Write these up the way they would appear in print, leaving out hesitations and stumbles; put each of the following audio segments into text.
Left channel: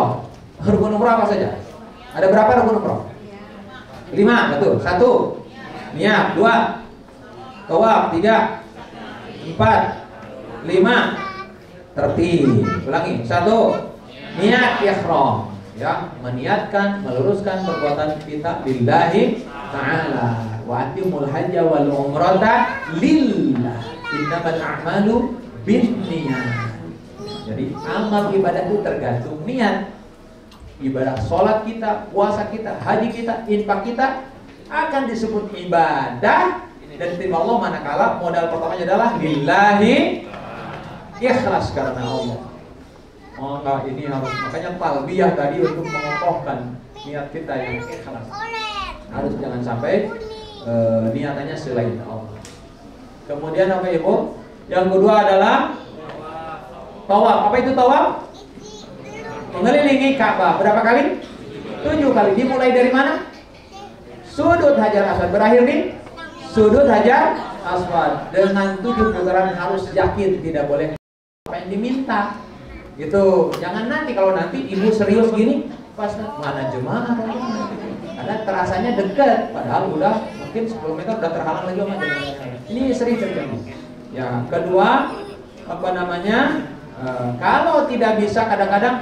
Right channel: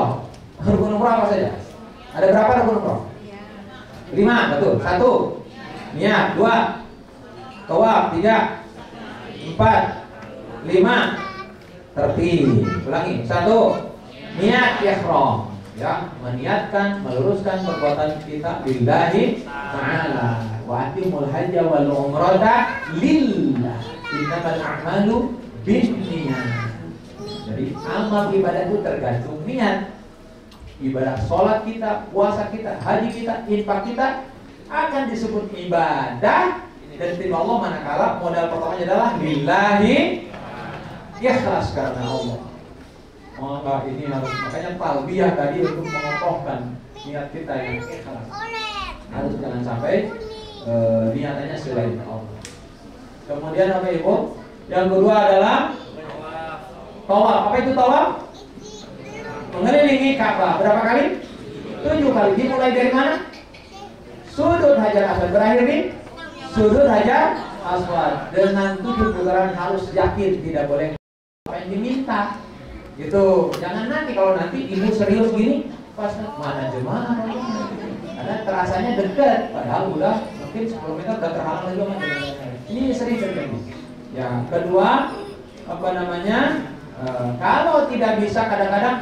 umroh. Rukun umroh apa saja? Ada berapa rukun umroh? 5, betul. 1, niat. 2, tawaf. 3, 4, 5, tertib. Ulangi. 1, niat ihram. Ya, meniatkan, meluruskan perbuatan kita lillahi ta'ala. Wa atimul hajja wal umrata lillah. Innamal a'malu binniyat. Jadi amal ibadah itu tergantung niat. Ibadah sholat kita, puasa kita, haji kita, infak kita akan disebut ibadah dan terima Allah manakala modal pertamanya adalah lillahi, ikhlas karena Allah. Maka ini harus, makanya talbiyah tadi untuk mengokohkan niat kita yang ikhlas. Harus jangan sampai niatannya selain Allah. Kemudian apa Ibu? Yang kedua adalah tawaf. Apa itu tawaf? Mengelilingi Ka'bah. Berapa kali? 7 kali. Dimulai dari mana? Sudut Hajar Aswad. Berakhir di Sudut Hajar Aswad. Dengan 7 putaran harus yakin, tidak boleh apa yang diminta. Gitu. Jangan nanti, kalau nanti ibu serius gini, pas mana jemaah? Karena terasanya dekat, padahal udah mungkin 10 meter udah terhalang lagi sama jemaah. Ini sering terjadi. Ya, kedua apa namanya? Kalau tidak bisa kadang-kadang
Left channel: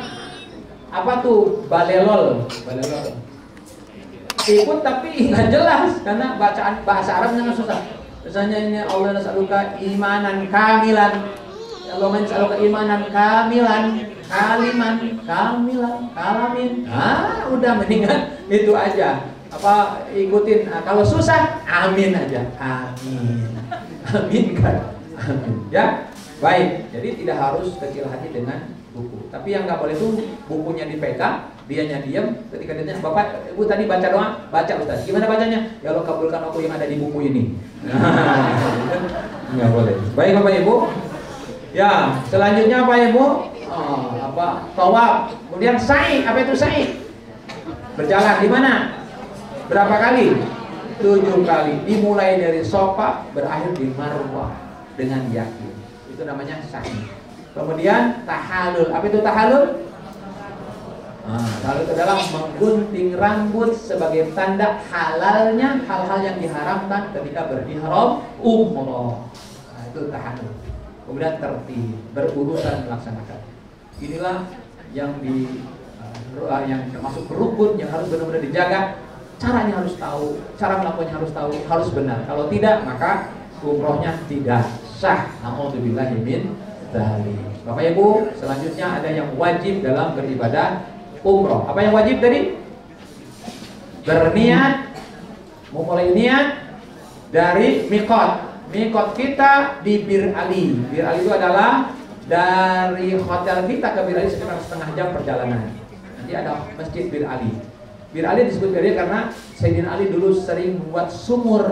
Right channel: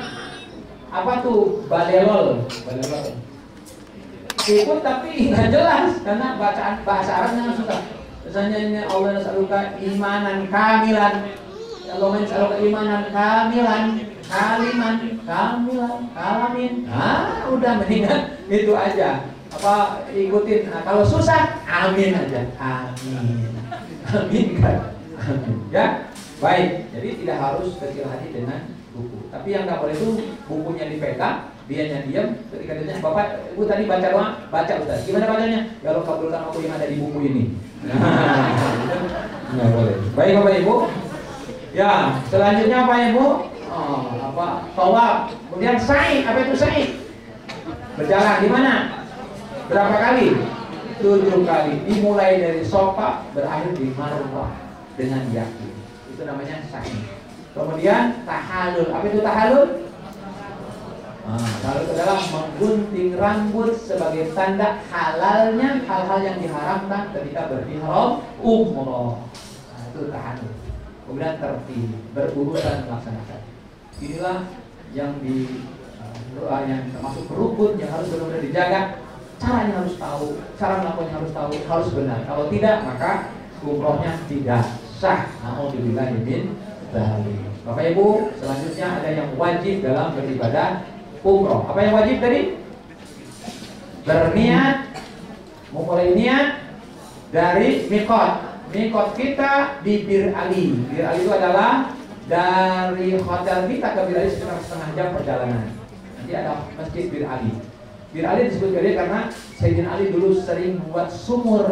apa tuh balelol. Ikut tapi nggak jelas karena bacaan bahasa Arabnya susah. Misalnya ini Allah nas'aluka imanan kamilan. Allah nas'aluka imanan kamilan, kaliman, kamilan, kalamin. Udah mendingan itu aja. Apa ikutin. Kalau susah amin aja. Amin. Amin kan. Amin. Ya. Baik. Jadi tidak harus kecil hati dengan buku. Tapi yang nggak boleh itu bukunya dipegang, dianya diam. Ketika dia tanya, Bapak, Ibu tadi baca doa, baca Ustaz. Gimana bacanya? Ya Allah kabulkan aku yang ada di buku ini. Nggak boleh. Baik Bapak Ibu. Ya, selanjutnya apa Ibu? Tawaf. Kemudian sa'i. Apa itu sa'i? Berjalan di mana? Berapa kali? 7 kali. Dimulai dari Sofa, berakhir di Marwah dengan yakin. Itu namanya sa'i. Kemudian tahallul. Apa itu tahallul? Tahallul adalah menggunting rambut sebagai tanda halalnya hal-hal yang diharamkan ketika berihram umroh. Itu tahallul. Kemudian tertib, berurusan melaksanakan. Inilah yang yang termasuk rukun yang harus benar-benar dijaga. Caranya harus tahu, cara melakukannya harus tahu, harus benar. Kalau tidak, maka umrohnya tidak sah. Nauzubillahi min dzalik. Bapak Ibu, selanjutnya ada yang wajib dalam beribadah umroh. Apa yang wajib tadi? Berniat, memulai niat dari miqat. Miqat kita di Bir Ali. Bir Ali itu adalah dari hotel kita ke Bir Ali sekitar setengah jam perjalanan. Nanti ada masjid Bir Ali. Bir Ali disebut Bir Ali karena Sayyidina Ali dulu sering membuat sumur.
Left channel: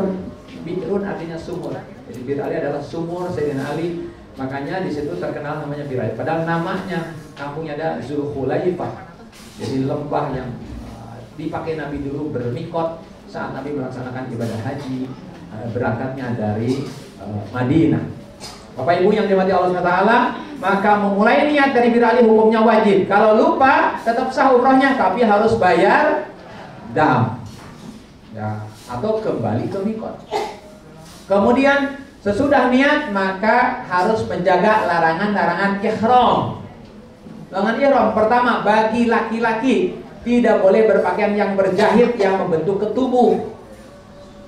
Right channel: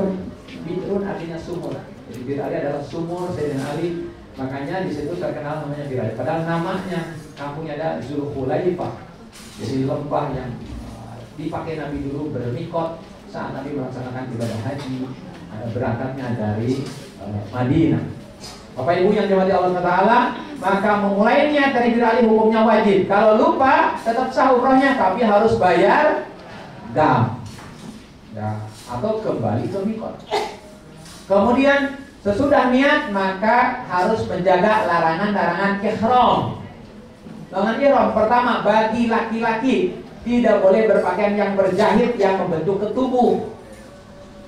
Birun artinya sumur. Jadi Bir Ali adalah sumur Sayyidina Ali. Makanya di situ terkenal namanya Bir Ali. Padahal namanya kampungnya ada Zulhulaifah. Jadi lembah yang dipakai Nabi dulu bermikot saat Nabi melaksanakan ibadah haji. Berangkatnya dari Madinah. Bapak Ibu yang dirahmati Allah SWT, maka memulai niat dari Bir Ali hukumnya wajib. Kalau lupa tetap sah umrahnya, tapi harus bayar dam ya, atau kembali ke mikot. Kemudian sesudah niat maka harus menjaga larangan-larangan ihram. Larangan ihram pertama, bagi laki-laki tidak boleh berpakaian yang berjahit yang membentuk ketubuh.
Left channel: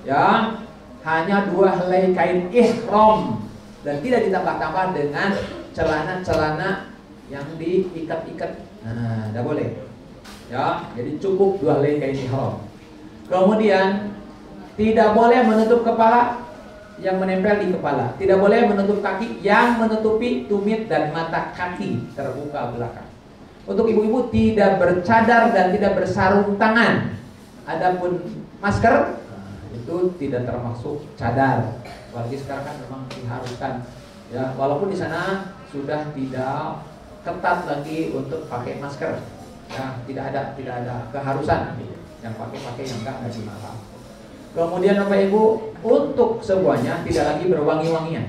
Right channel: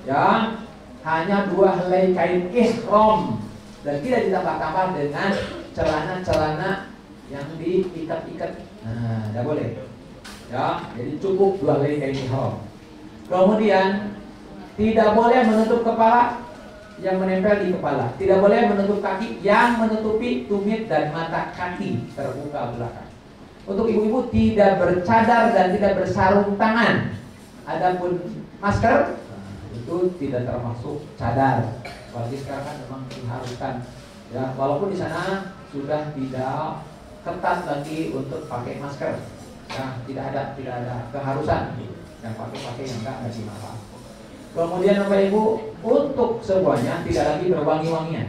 Ya, hanya 2 helai kain ihram dan tidak ditambah-tambah dengan celana-celana yang diikat-ikat. Tidak boleh. Ya, jadi cukup 2 helai kain ihram. Kemudian tidak boleh menutup kepala yang menempel di kepala. Tidak boleh menutup kaki yang menutupi tumit dan mata kaki terbuka belakang. Untuk ibu-ibu tidak bercadar dan tidak bersarung tangan. Adapun masker itu tidak termasuk cadar. Apalagi sekarang kan memang diharuskan. Ya, walaupun di sana sudah tidak ketat lagi untuk pakai masker. Ya, tidak ada keharusan. Yang pakai yang enggak dilarang. Kemudian Bapak Ibu, untuk semuanya tidak lagi berwangi-wangian.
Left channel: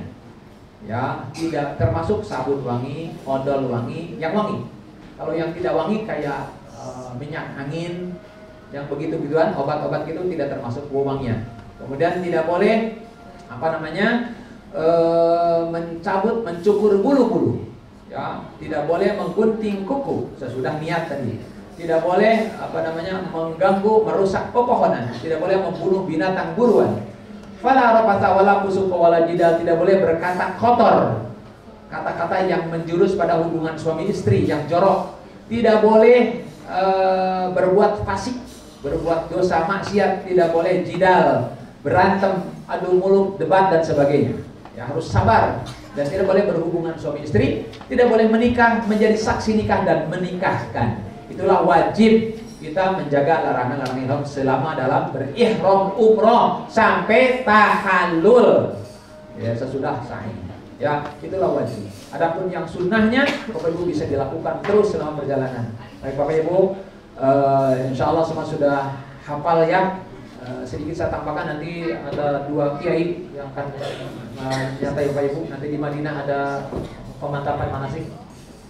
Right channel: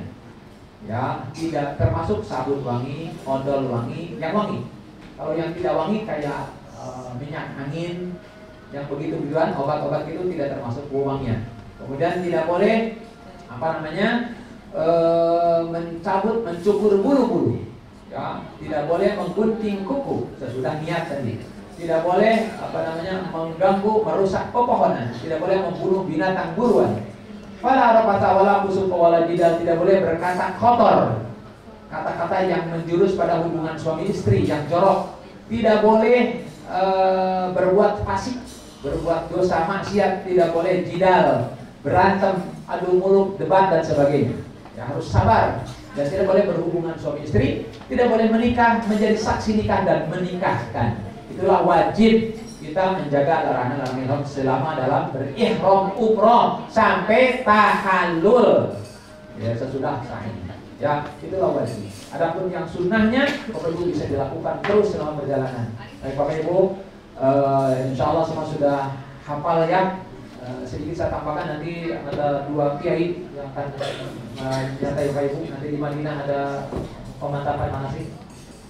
Ya, tidak termasuk sabun wangi, odol wangi, yang wangi. Kalau yang tidak wangi kayak minyak angin, yang begitu-gituan, obat-obat itu tidak termasuk wewangian. Kemudian tidak boleh mencabut, mencukur bulu-bulu. Ya, tidak boleh menggunting kuku sesudah niat tadi. Tidak boleh mengganggu, merusak pepohonan. Tidak boleh membunuh binatang buruan. Fala rafata wala fusuqa wala jidal, tidak boleh berkata kotor. Kata-kata yang menjurus pada hubungan suami istri yang jorok. Tidak boleh berbuat fasik, berbuat dosa maksiat. Tidak boleh jidal, berantem, adu mulut, debat dan sebagainya. Ya, harus sabar. Dan tidak boleh berhubungan suami istri. Tidak boleh menikah, menjadi saksi nikah dan menikahkan. Itulah wajib kita menjaga larangan-larangan ihram selama dalam berihram umroh sampai tahallul. Ya, sesudah sahih. Ya, itulah wajib. Adapun yang sunnahnya, Bapak Ibu bisa dilakukan terus selama perjalanan. Baik Bapak Ibu, insya Allah semua sudah hafal ya. Sedikit saya tambahkan, nanti ada 2 kiai yang akan menyertai Bapak Ibu. Nanti di Madinah ada pemantapan manasik.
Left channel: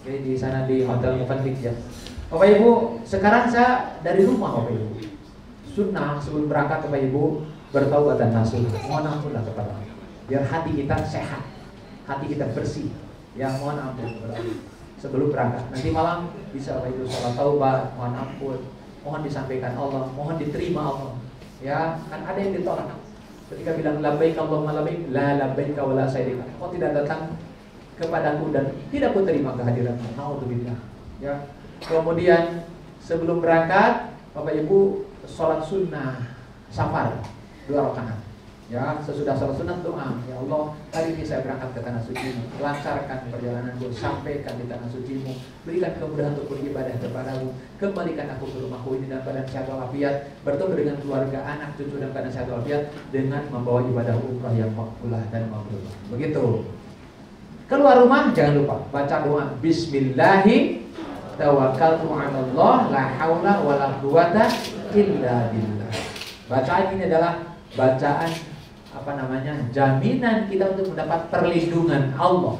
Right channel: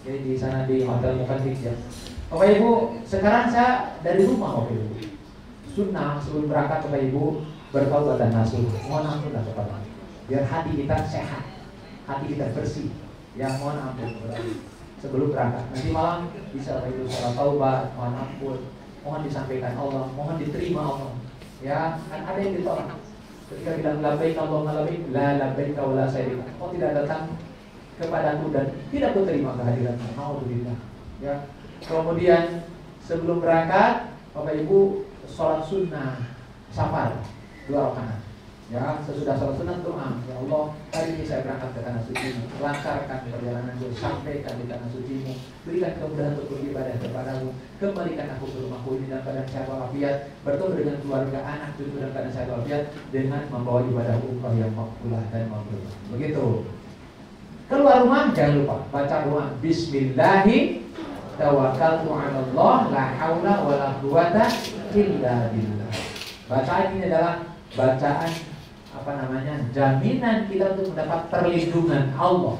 Jadi di sana di Hotel Mufantik ya. Bapak Ibu, sekarang saya dari rumah Bapak Ibu. Sunnah sebelum berangkat Bapak Ibu bertaubat dan nasuh. Mohon ampunlah kepada Allah. Biar hati kita sehat, hati kita bersih. Ya, mohon ampun sebelum berangkat. Nanti malam bisa Bapak Ibu salat taubat, mohon ampun, mohon disampaikan Allah, mohon diterima Allah. Ya, kan ada yang ditolak. Ketika bilang labbaik Allahumma labbaik, la labbaik wa la sa'dik. Kau tidak datang kepadaku dan tidak ku terima kehadiranmu. Alhamdulillah. Ya. Kemudian sebelum berangkat, Bapak Ibu sholat sunnah safar 2 rakaat. Ya, sesudah sholat sunnah doa, ya Allah, hari ini saya berangkat ke tanah suci-Mu, lancarkan perjalananku, sampaikan di tanah suci-Mu, berikan kemudahan untuk beribadah kepadamu, kembalikan aku ke rumahku ini dalam keadaan sehat walafiat, bertemu dengan keluarga, anak, cucu dalam keadaan sehat walafiat, dengan membawa ibadah umrah yang makbulah dan mabrur. Begitu. Keluar rumah jangan lupa baca doa Bismillahi tawakkaltu 'ala Allah la haula wala quwata illa billah. Bacaan ini adalah bacaan jaminan kita untuk mendapat perlindungan Allah.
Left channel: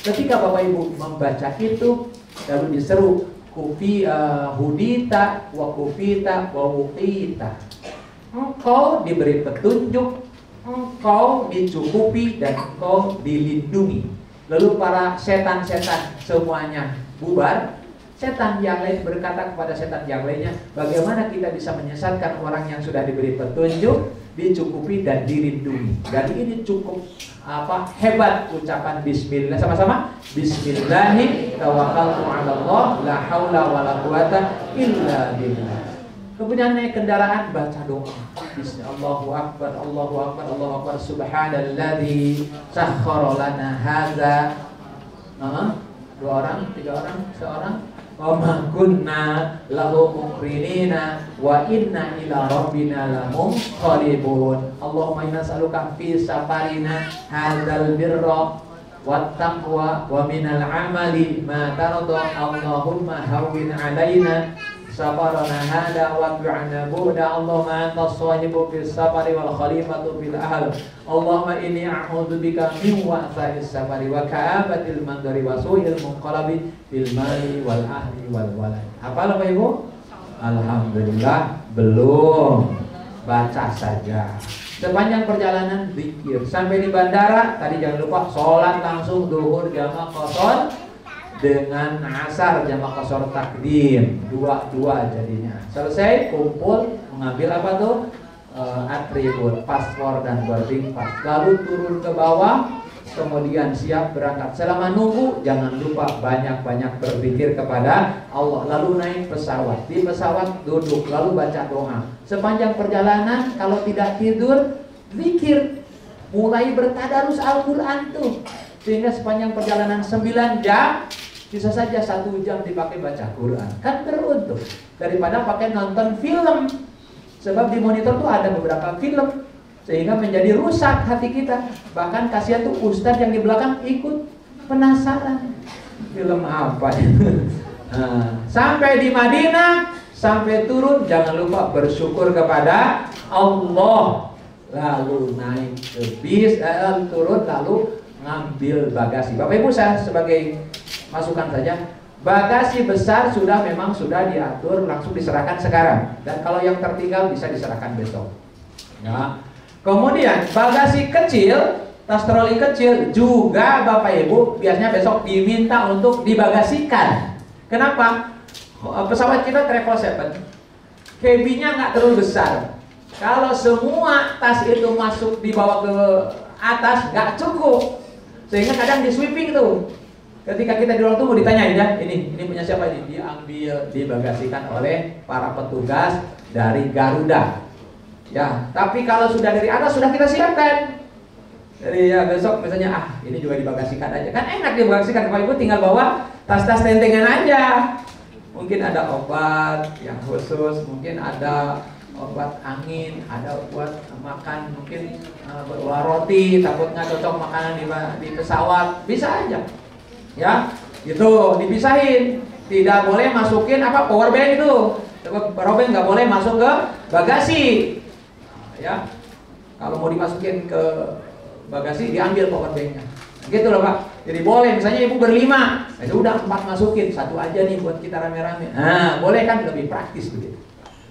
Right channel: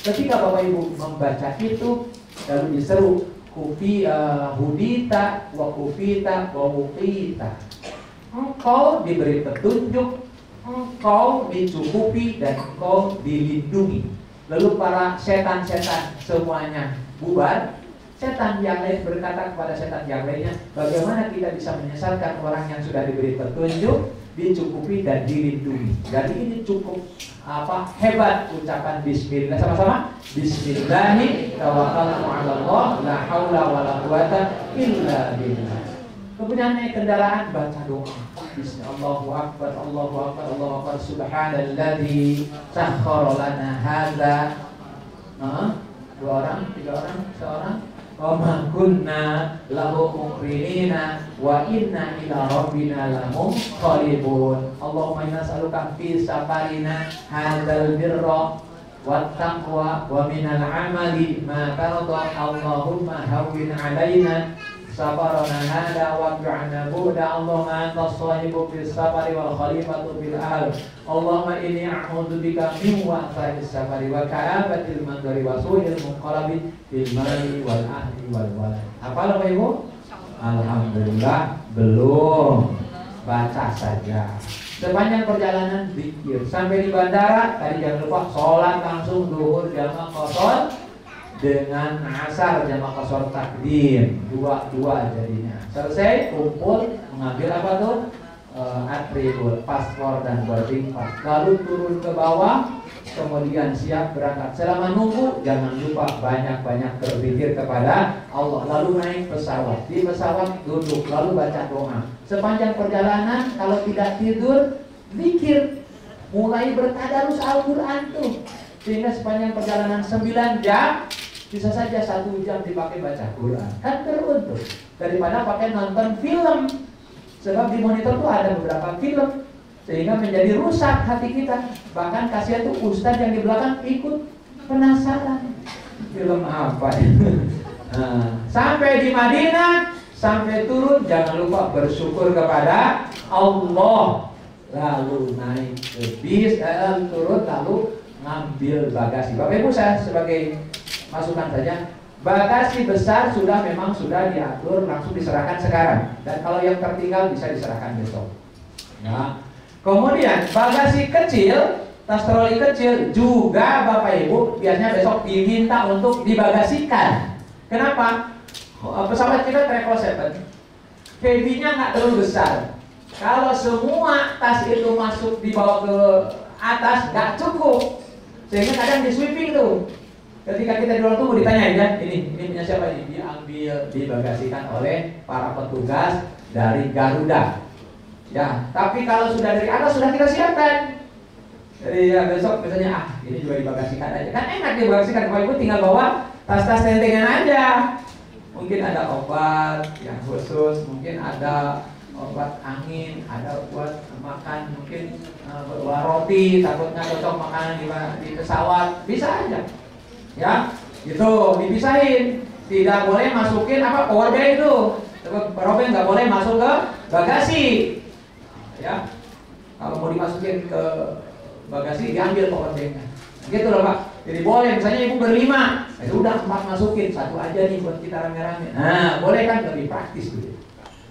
Ketika Bapak Ibu membaca itu lalu diseru hudita wa kufita wa wuqita. Engkau diberi petunjuk, engkau dicukupi dan engkau dilindungi. Lalu para setan-setan semuanya bubar. Setan yang lain berkata kepada setan yang lainnya, bagaimana kita bisa menyesatkan orang yang sudah diberi petunjuk, dicukupi dan dilindungi. Jadi ini cukup hebat ucapan bismillah. Sama-sama. Bismillahi tawakkaltu 'ala Allah la haula wala quwata illa billah. Kemudian naik kendaraan baca doa. Allahu akbar, Allahu akbar, Allahu akbar, subhanalladzi sakhkhara lana hadza. 2 orang, 3 orang, seorang. Wa ma kunna lahu muqrinina wa inna ila rabbina lamunqalibun. Allahumma inna nas'aluka fi safarina hadzal birra wat taqwa wa minal amali ma tarda. Allahumma hawwin alaina safarana hada wa bi'ana buda. Allahumma antas sahibu fis safari wal khalifatu fil ahl. Allahumma inni a'udzu bika min wa'tha'is safari wa ka'abatil mandari wa su'il munqalabi fil mali wal ahli wal walad. Hafal Bapak Ibu? Alhamdulillah belum. Baca saja. Sepanjang perjalanan zikir. Sampai di bandara tadi jangan lupa sholat langsung zuhur jamaah qashar dengan asar jamaah qashar takdim, 2-2 jadinya. Selesai kumpul mengambil apa tuh? Atribut, paspor dan boarding pass. Lalu turun ke bawah, kemudian siap berangkat. Selama nunggu jangan lupa banyak-banyak berzikir kepada Allah. Lalu naik pesawat. Di pesawat duduk lalu baca doa. Sepanjang perjalanan kalau tidak tidur zikir. Mulai bertadarus Al-Qur'an tuh. Sehingga sepanjang perjalanan 9 jam bisa saja 1 jam dipakai baca Quran. Kan beruntung daripada pakai nonton film. Sebab di monitor tuh ada beberapa film sehingga menjadi rusak hati kita. Bahkan kasihan tuh ustadz yang di belakang ikut penasaran film apa. Sampai di Madinah, sampai turun jangan lupa bersyukur kepada Allah. Lalu naik ke bis, turun lalu ngambil bagasi. Bapak Ibu, saya sebagai masukan saja, bagasi besar memang sudah diatur, langsung diserahkan sekarang. Dan kalau yang tertinggal bisa diserahkan besok. Nah, kemudian bagasi kecil, tas troli kecil juga Bapak Ibu biasanya besok diminta untuk dibagasikan. Kenapa? Pesawat kita Travel 7, cabinnya nggak terlalu besar. Kalau semua tas itu masuk dibawa ke atas nggak cukup, sehingga kadang di sweeping tuh. Ketika kita di ruang tunggu ditanyain kan, ini punya siapa ini? Diambil, dibagasikan oleh para petugas dari Garuda. Ya, tapi kalau sudah dari atas sudah kita siapkan. Jadi ya besok misalnya ini juga dibagasikan aja. Kan enak dibagasikan, Bapak Ibu tinggal bawa tas-tas tentengan aja. Mungkin ada obat yang khusus, mungkin ada obat angin, ada buat makan, mungkin beruang roti, takutnya cocok makanan di pesawat, bisa aja. Ya, itu dipisahin. Tidak boleh masukin power bank itu. Power bank nggak boleh masuk ke bagasi. Ya, kalau mau dimasukin ke bagasi diambil power banknya. Gitu loh Pak. Jadi boleh, misalnya ibu berlima, sudah 4 masukin, 1 aja nih buat kita rame-rame. Nah, boleh kan, lebih praktis begitu.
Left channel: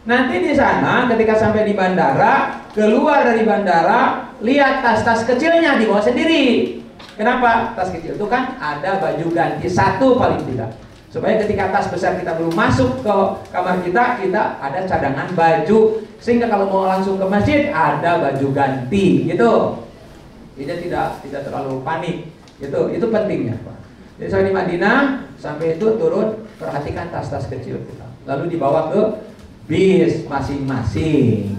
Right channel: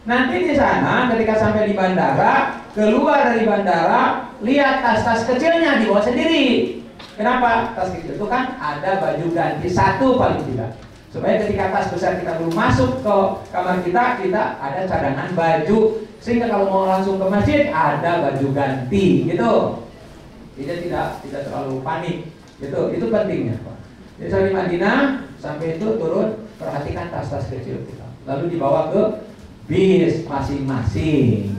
Nanti di sana ketika sampai di bandara, keluar dari bandara, lihat tas-tas kecilnya dibawa sendiri. Kenapa? Tas kecil itu kan ada baju ganti 1 paling tidak. Supaya ketika tas besar kita belum masuk ke kamar kita ada cadangan baju. Sehingga kalau mau langsung ke masjid ada baju ganti gitu. Jadi tidak terlalu panik. Itu pentingnya Pak. Jadi sampai di Madinah, sampai itu turun, perhatikan tas-tas kecil kita. Lalu dibawa ke bis masing-masing.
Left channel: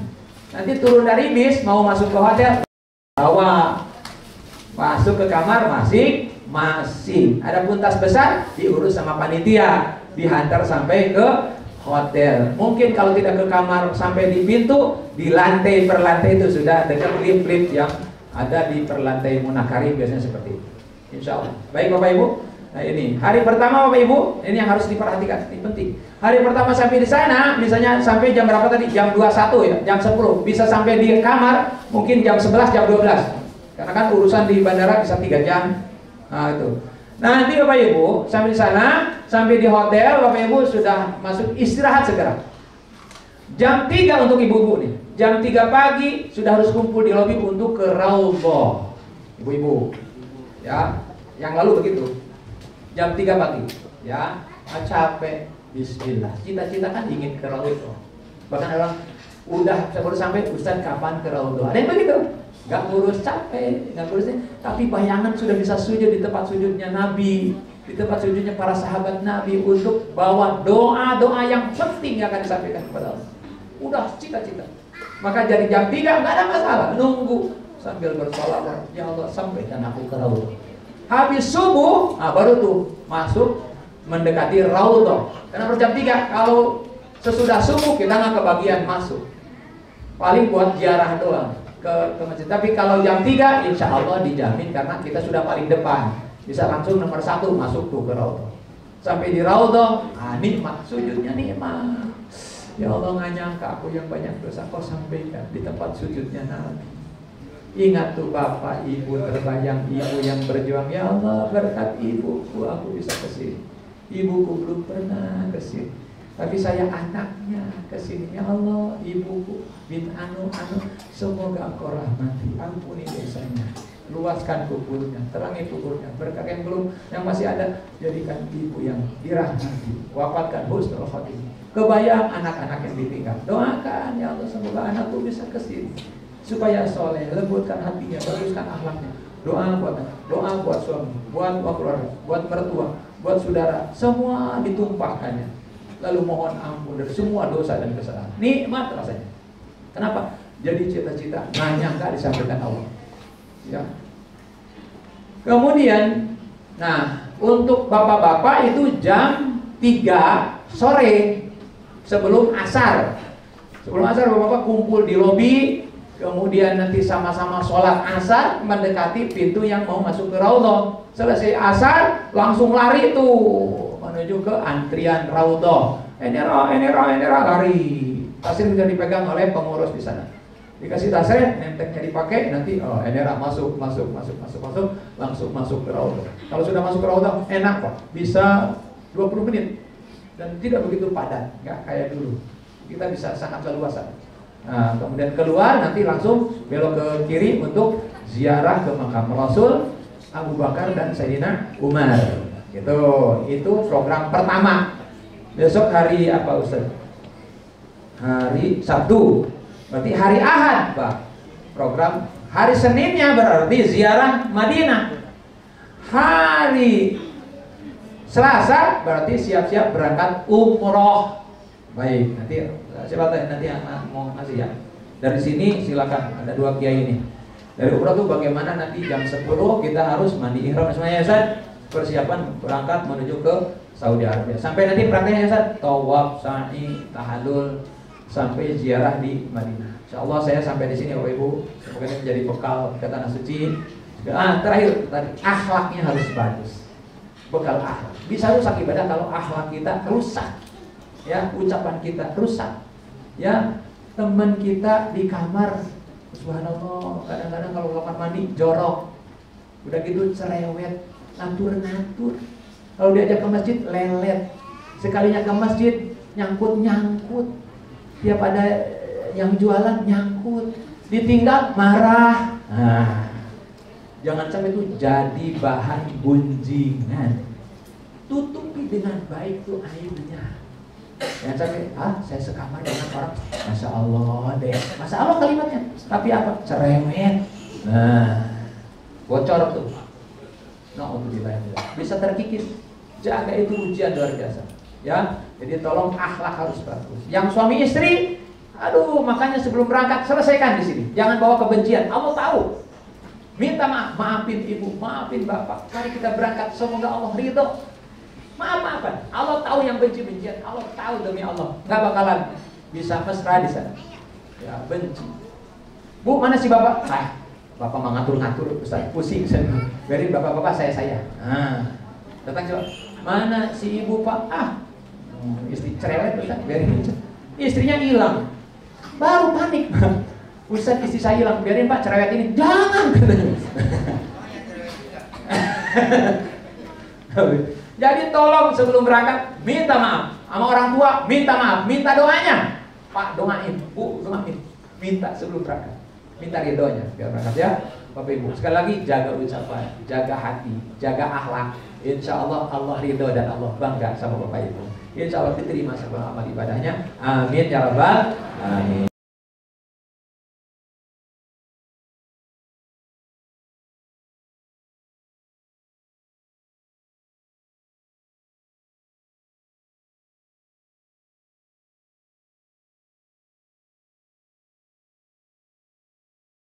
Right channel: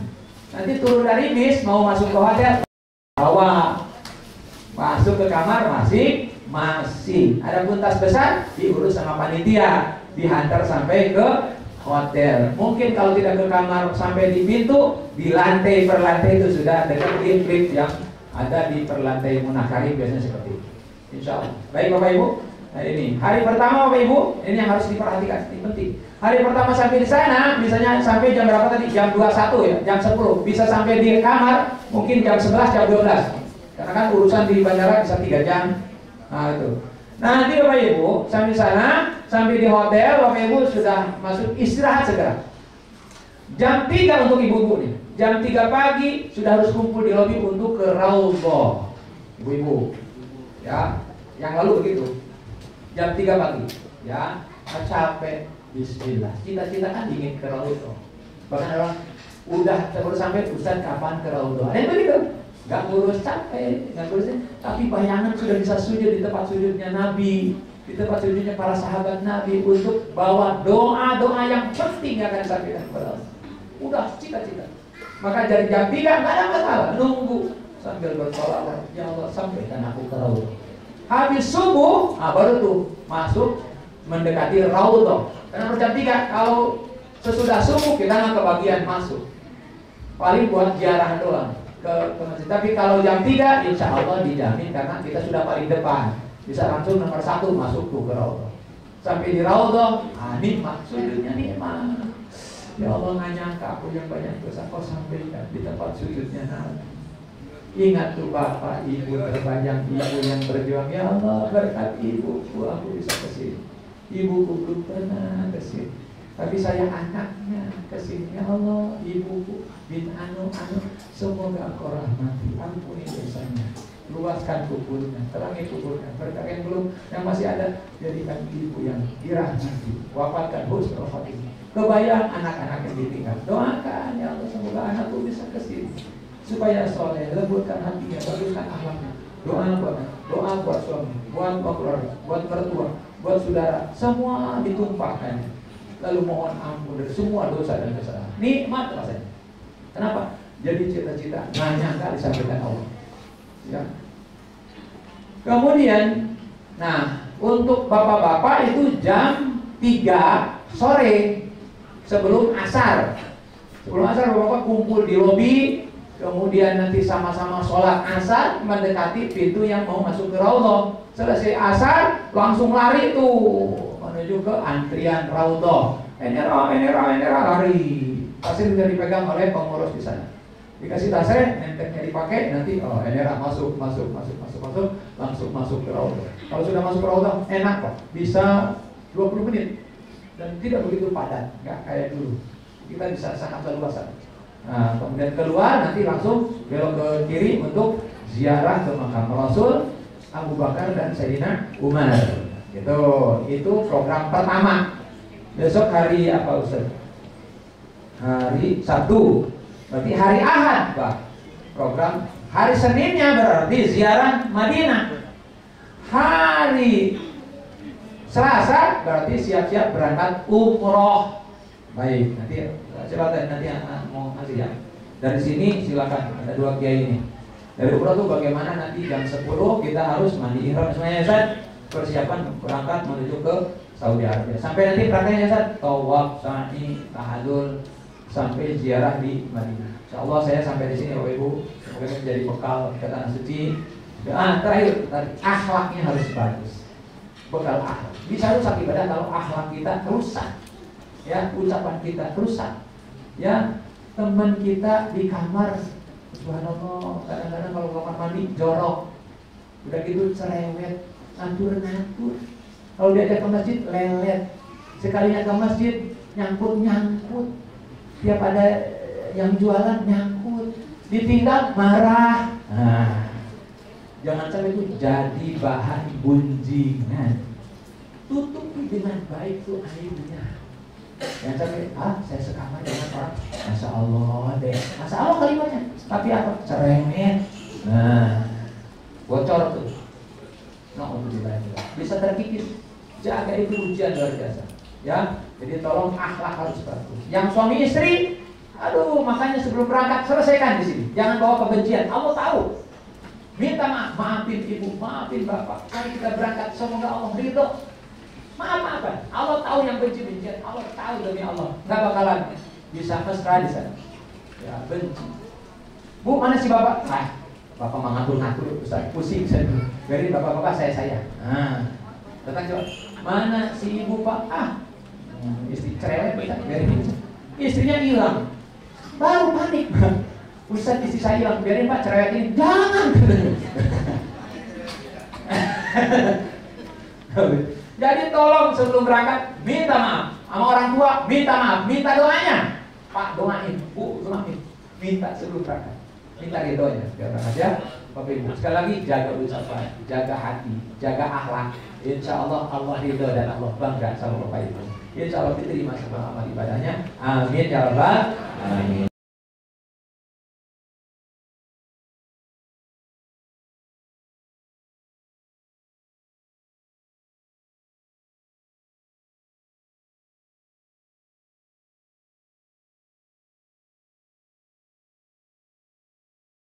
Nanti turun dari bis mau masuk ke hotel, bawa. Masuk ke kamar masing-masing. Adapun tas besar diurus sama panitia, dihantar sampai ke hotel. Mungkin kalau tidak ke kamar sampai di pintu, di lantai per lantai itu sudah ada lift yang ada di perlantai Munakarim biasanya seperti itu. Insya Allah. Baik Bapak Ibu. Nah ini hari pertama Bapak Ibu, ini yang harus diperhatikan, ini penting. Hari pertama sampai di sana, misalnya sampai jam berapa tadi? Jam 21 ya, jam 10. Bisa sampai di kamar mungkin jam 11, jam 12. Karena kan urusan di bandara bisa 3 jam. Nah itu. Nanti Bapak Ibu sampai di sana, sampai di hotel, Bapak Ibu sudah masuk istirahat segera. Jam 3 untuk ibu-ibu nih. Jam 3 pagi sudah harus kumpul di lobi untuk ke Raudhah. Ibu-ibu. Ya, yang lalu begitu. Jam 3 pagi. Ya, capek. Bismillah. Cita-cita kan ingin ke Raudhah. Bahkan orang udah baru sampai, Ustaz kapan ke Raudhah? Ada yang begitu. Gak ngurus capek, gak ngurusnya, tapi bayangan sudah bisa sujud di tempat sujudnya Nabi, di tempat sujudnya para sahabat Nabi untuk bawa doa-doa yang penting yang akan disampaikan kepada Allah. Udah cita-cita. Maka dari jam 3 gak ada masalah, nunggu sambil bersolawat, ya Allah sampaikan aku ke Raudhah. Habis subuh, baru tuh masuk mendekati Raudhah. Karena harus jam 3, kalau sesudah subuh kita nggak kebagian masuk. Paling buat ziarah doang ke masjid. Tapi kalau jam 3 insya Allah dijamin karena kita sudah paling depan, bisa langsung nomor 1 masuk tuh ke Raudhah. Sampai di Raudhah, nikmat sujudnya nikmat. Ya Allah nggak nyangka aku yang banyak dosa kau sampaikan di tempat sujudnya Nabi. Ingat tuh Bapak Ibu terbayang, ibu yang berjuang. Ya Allah berkat ibuku aku bisa kesini. Ibuku belum pernah kesini, tapi saya anaknya kesini. Ya Allah, ibuku bin anu, semoga Engkau rahmati, ampuni dosanya, luaskan kuburnya, terangi kuburnya. Berkat yang belum, yang masih ada, jadikan ibu yang dirahmati, wafatkan husnul khotimah. Kebayang anak-anak yang ditinggal, doakan ya Allah semoga anakku bisa kesini, supaya soleh, lembutkan hatinya, baguskan akhlaknya. Doa buat suami, buat keluarga, buat mertua, buat saudara, semua ditumpahkannya. Lalu mohon ampun dari semua dosa dan kesalahan. Nikmat rasanya. Kenapa? Jadi cita-cita nggak nyangka disampaikan Allah. Ya. Kemudian, nah untuk bapak-bapak itu jam 3 sore sebelum asar. Sebelum asar bapak-bapak kumpul di lobi. Kemudian nanti sama-sama sholat asar mendekati pintu yang mau masuk ke Raudhah. Selesai asar langsung lari tuh menuju ke antrian Raudhah. Enera lari. Tasnya sudah dipegang oleh pengurus di sana. Dikasih tasnya, nenteknya dipakai, nanti enera masuk, langsung masuk ke Raudhah. Kalau sudah masuk ke Raudhah enak kok, bisa 20 menit dan tidak begitu padat, nggak kayak dulu. Kita bisa sangat leluasa. Nah, kemudian keluar nanti langsung belok ke kiri untuk ziarah ke makam Rasul, Abu Bakar dan Sayyidina Umar. Gitu. Itu program pertama. Besok hari apa Ustaz? Hari Sabtu. Berarti hari Ahad, Pak. Program hari Seninnya berarti ziarah Madinah. Hari Selasa berarti siap-siap berangkat umroh. Baik, nanti silakan nanti mau ngasih ya. Dari sini silakan, ada 2 kiai ini. Dari umroh tuh bagaimana nanti jam 10 kita harus mandi ihram semuanya Ustaz. Persiapan berangkat menuju ke Saudi Arabia. Sampai nanti berangkatnya Ustaz, tawaf, sa'i, tahallul sampai ziarah di Madinah. Insyaallah saya sampai di sini Bapak Ibu. Semoga ini menjadi bekal ke tanah suci. Terakhir tadi akhlaknya harus bagus. Bekal akhlak. Bisa rusak ibadah kalau akhlak kita rusak. Ya, ucapan kita rusak. Ya, teman kita di kamar, subhanallah, kadang-kadang kalau kamar mandi jorok. Udah gitu cerewet, ngatur-ngatur. Kalau diajak ke masjid lelet. Sekalinya ke masjid nyangkut-nyangkut. Tiap ada yang jualan nyangkut. Ditinggal marah. Nah, jangan sampai itu jadi bahan gunjingan. Tutupi dengan baik tuh aibnya. Yang sampai, saya sekamar dengan orang, Masya Allah deh, Masya Allah kalimatnya. Tapi apa? Cerewet. Nah, bocor tuh. Nah, untuk dibayar bisa terkikis. Jaga itu ujian luar biasa. Ya, jadi tolong akhlak harus bagus. Yang suami istri, aduh, makanya sebelum berangkat selesaikan di sini. Jangan bawa kebencian. Allah tahu. Minta maaf, maafin ibu, maafin bapak. Mari kita berangkat, semoga Allah ridho. Maaf-maafan. Allah tahu yang benci-bencian. Allah tahu demi Allah. Nggak bakalan bisa mesra di sana. Ya, benci. Bu, mana si bapak? Bapak mau ngatur-ngatur, Ustaz, pusing saya. Biarin bapak-bapak saya. Nah, datang coba. Mana si ibu Pak? Istri cerewet, Ustaz, biarin. Istrinya hilang. Baru panik. Ustaz, istri saya hilang, biarin Pak cerewet ini. Jangan. Jadi tolong sebelum berangkat minta maaf sama orang tua, minta maaf, minta doanya. Pak doain, Bu doain, minta sebelum berangkat, minta ridhonya biar berangkat ya. Bapak Ibu sekali lagi jaga ucapan, jaga hati, jaga akhlak. Insya Allah Allah ridho dan Allah bangga sama Bapak Ibu. Insya Allah diterima sama amal ibadahnya. Amin ya rabbal alamin.